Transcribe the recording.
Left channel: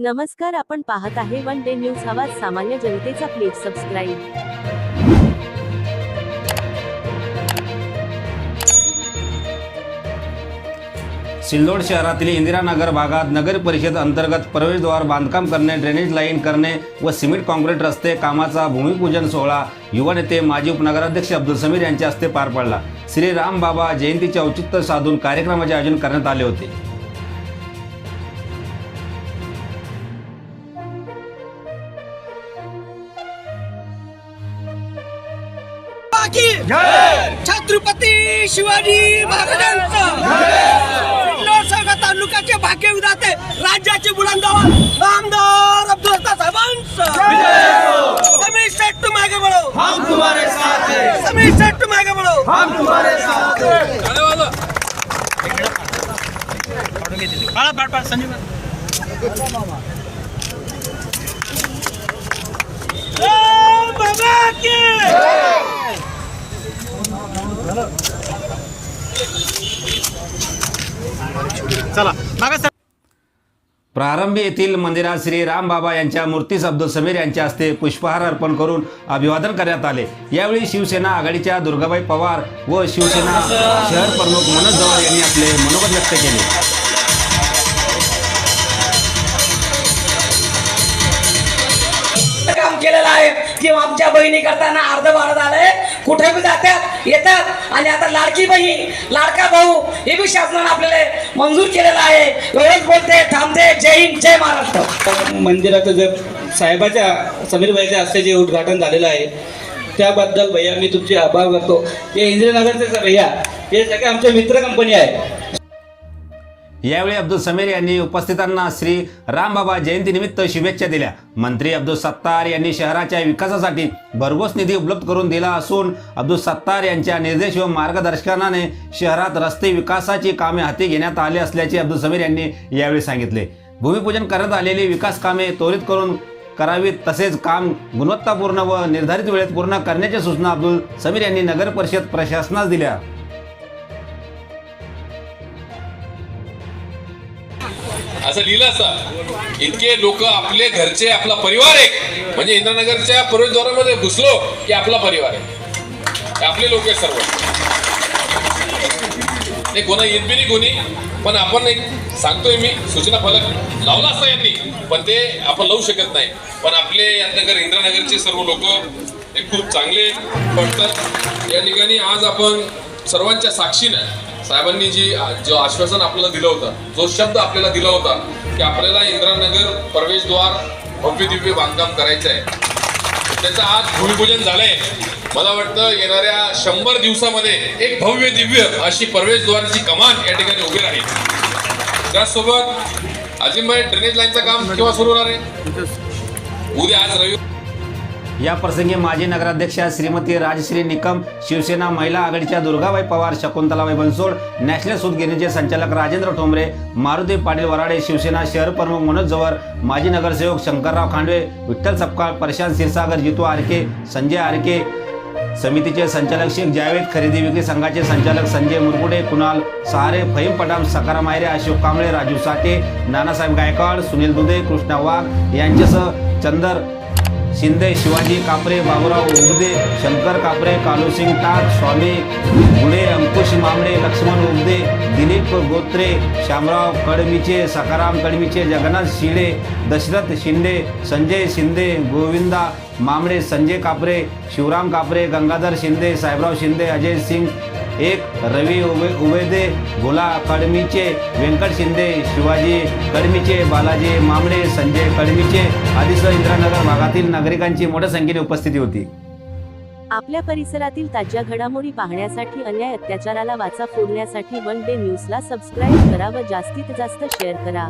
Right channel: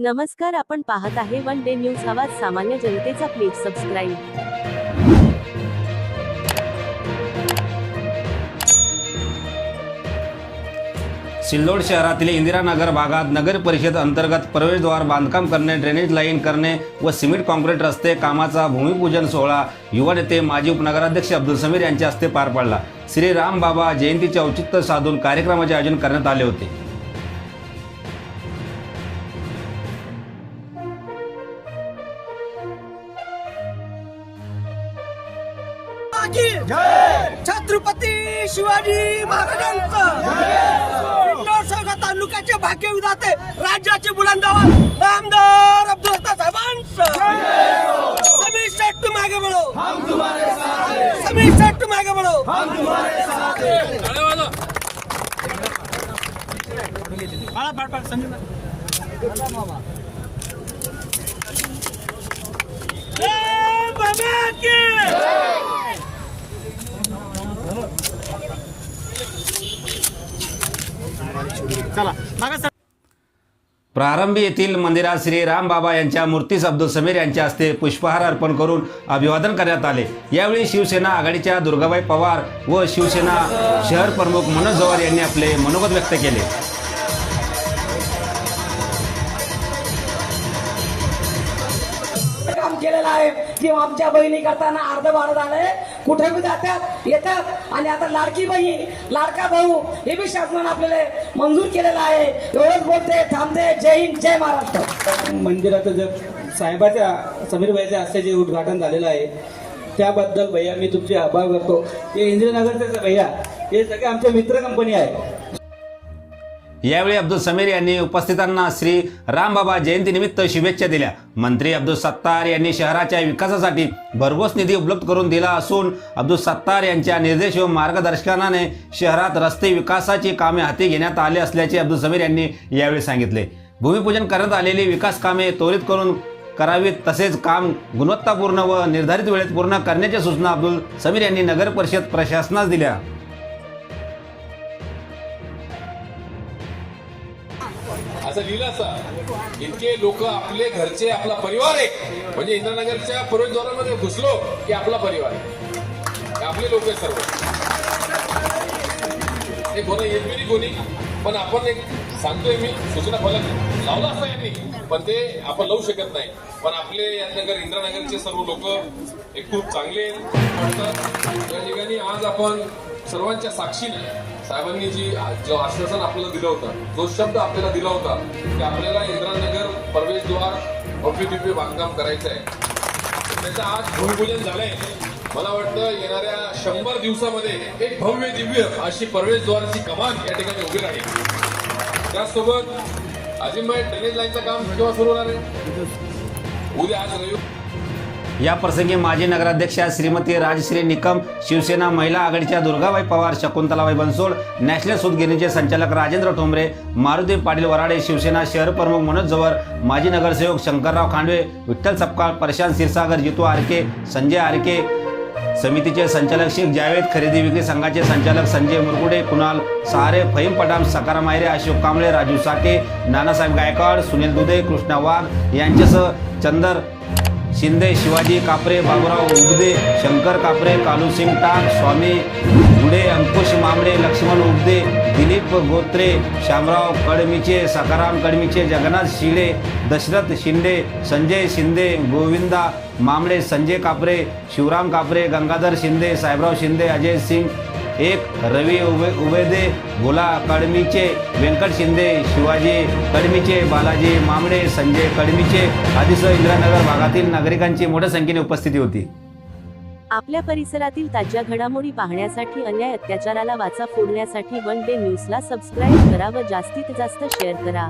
नमस्कार आपण पाहत आहे वन डे न्यूज आवाज सामान्य जनतेचा प्लीज सबस्क्राईब सिल्लोड शहरातील इंदिरानगर भागात नगर परिषद अंतर्गत प्रवेशद्वार बांधकाम करणे ड्रेनेज लाईन करणे व सिमेंट कॉन्क्रीट रस्ते कामाचा भूमिपूजन सोहळा युवा नेते माजी उपनगराध्यक्ष अब्दुल समीर यांच्या हस्ते पार पडला. श्री राम बाबा जयंतीचे औचित्य साधून कार्यक्रमाचे आयोजन करण्यात आले होते. की छत्रपती शिवाजी महाराजांचा. तालुक्याचे भाग्य विधाते राज्याचे बुलंदावर नामदार अब्दुल सत्तार साहेबांचं समीर हैं. समीर तुम्हारे साथ हैं जय बाबा की प्रारंभी येथील मंदिरात श्री रामबाबा यांच्या मूर्तीस अब्दुल समीर यांच्या हस्ते पुष्पहार अर्पण करून अभिवादन करण्यात आले. यावेळी शिवसेना आघाडीच्या दुर्गाबाई पवार व शिवसेना शहर प्रमुख मनोज जवार यांनी आपले मनोगत व्यक्त केले. किंवा आमच्या बहिणी करताना अर्ध भारत आलंय कुठे बी जातात येतात. आणि आता लाडकी बहीण लाडका भाऊ हे बी शासनाने आपल्याला मंजूर केलेलं आहे. वेळेत बोलते थांबते. जय हिंद जय महाराष्ट्र. मंदिराचं जे साहेबाच्या समीर भाईच्या हस्ते जे उद्घाटन झालेलं आहे त्याबद्दल भैया मी तुमचे आभार करतो हे इंदिरानगरचे भैया. हे सगळे आमचे मित्र कंपनी आहे. यावेळी अब्दुल समीर यांनी उपस्थितांना श्री रामबाबा जयंतीनिमित्त शुभेच्छा दिल्या. मंत्री अब्दुल सत्तार यांनी शहराच्या विकासासाठी भरघोस निधी उपलब्ध करून दिला असून अब्दुल सत्तार यांच्या निर्देश व मार्गदर्शनाने शहरात रस्ते विकासाची कामे हाती घेण्यात आली असल्याचे अब्दुल समीर यांनी यावेळी सांगितले. भूमिपूजन करण्यात आलेली विकास कामे त्वरित करून करावीत तसेच काम गुणवत्तापूर्ण व निर्धारित वेळेत पूर्ण करण्याच्या सूचना अब्दुल समीर यांनी नगर परिषद प्रशासनास दिल्या. असं लिहिलं असं. इतके लोक आपले घरचे आपला परिवार आहे. म्हणजे इंद्रनगरच्या प्रवेशद्वारामध्ये घुसलो की आपला परिवार आहे. आपले लोक आहेत सर्व. ते गुन्हा येत बी नाही कोणी. पण आपण एक सांगतोय मी सूचना फलक लावला असता यांनी. पण ते आपण लावू शकत नाही. पण आपले नगर इंद्रनगरचे सर्व लोक ते खूप चांगले वाटतं या ठिकाणी आज आपण सर्वांच्या साक्षीनं साहेबांनी जी जो आश्वासन आपल्याला दिलं होतं जो शब्द आपल्याला दिला होता की आपल्याला इंद्रानगर प्रवेशद्वार भव्य दिव्य बांधकाम करायचं आहे त्याचं आज भूमिपूजन झालंय. मला वाटतं येणाऱ्या शंभर दिवसामध्ये एक भव्य दिव्य अशी प्रवेशद्वाराची कमान या ठिकाणी उभी राहील. त्याचसोबत अजिंबाई ड्रेनेज लाईनचं काम केव्हा सुरू होणार आहे? उद्या आज रविवार या प्रसंगी माजी नगराध्यक्षा श्रीमती राजश्री निकम शिवसेना महिला आघाडीच्या दुर्गाबाई पवार शकुंतलाबाई बनसोड नॅशनल सूतगिरणीचे संचालक राजेंद्र ठोंबरे मारुती पाटील वराडे शिवसेना शहर प्रमुख मनोज जवर माजी नगरसेवक शंकरराव खांडवे विठ्ठल सपकाळ प्रशांत क्षीरसागर जितू आरके संजय आरके समितीचे संचालक शेख जावेद खरेदी विक्री संघाचे संचालक संजय मुरकुडे कुणाल सहारे फहीम पटाम सकाराम आयरे अशोक कांबळे राजू साठे नानासाहेब गायकवाड सुनील दुधे कृष्णा वाघ यांच्यासह चंदर शिंदे शिवाजी कापरे बाबुराव उगदे शंकर कापरे कालूसिंग टाक स्वामी गुडे अंकुश मामडे लक्ष्मण उगदे दिलीप गोत्रे श्यामराव कडमीचे सकाराम कडमीचे जगन्नाथ शिळे दशरथ शिंदे संजय शिंदे गोविंदा मामडे संजय कापरे शिवराम कापरे गंगाधर शिंदे साहेबराव शिंदे अजय सिंग एक रवी उबे उबेदे भोला कडमीचे व्यंकट शिंदे शिवाजी कडमीचे बालाजी मामडे संजय कडमीचे आदीसह इंदिरानगर भागातील नागरिकांची मोठ्या संख्येने उपस्थिती होती. आपल्या परिसरातील ताज्या घडामोडी पाहण्यासाठी अन्याय अत्याचाराला वाचा फोडण्यासाठी वन डे न्यूजला सबस्क्राईब करा व जास्तीत जास्त शेअर करा.